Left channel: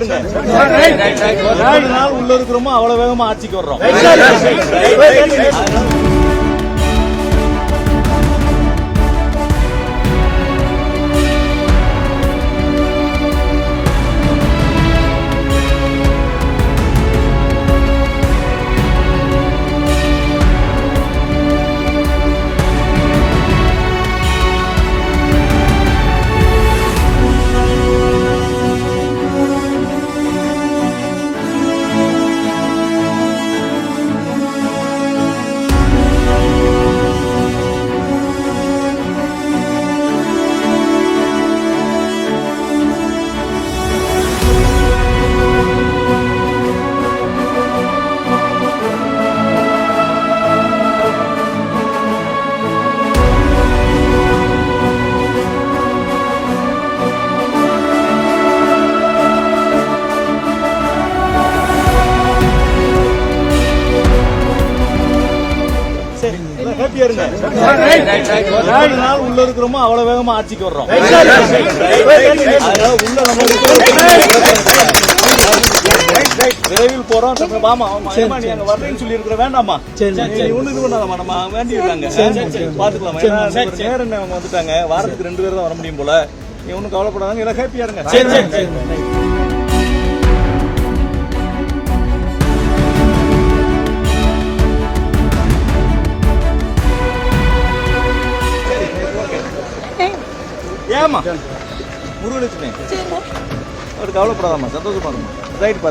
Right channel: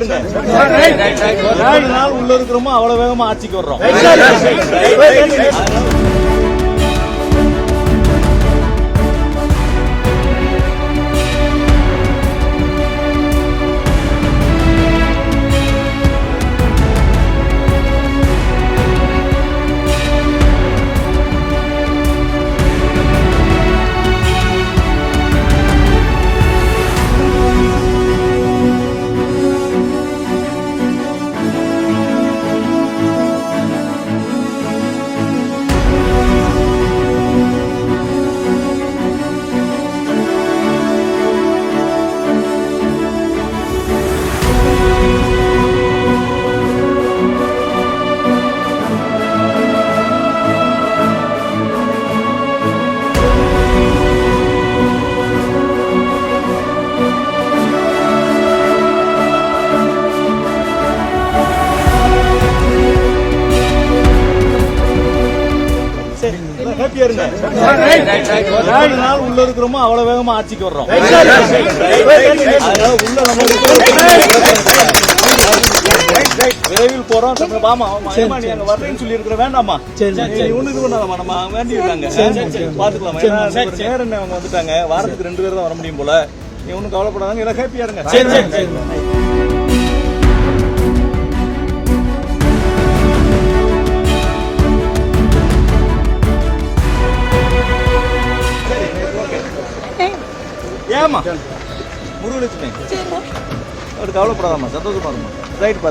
இருங்க. எவ்வளவு நாள் உள்ள இருக்கிறோமோ அவ்வளவு வேகமா ஆட்சிக்கு வர்றோம். ஹாப்பியா இருங்க. எவ்வளவு நாள் உள்ள இருக்கிறோமோ அவ்வளவு வேகமா ஆட்சிக்கு வர்றோம். விரைவில் போறோம். நீ அங்க வர்றேன்னு சொல்லி இருக்கிற வேண்டாமா? ஒண்ணு இது பண்ணாதாமா? நம்ம வேண்டி இருக்காங்க பாத்துக்கலாம். நேரம் அவங்க வந்துட்டாங்க. வாரத்துக்கு 2 பேர் தான் வர முடியும் போல. நீ ஒன்னும் கவலைப்படாதாங்க. எல்லாம் ஹாப்பியா இருங்க. ஏமா முருகலட்சுமி, அவரு கவலைப்படாதாமா? சந்தோஷமா இருக்குமா? ரைட் பா.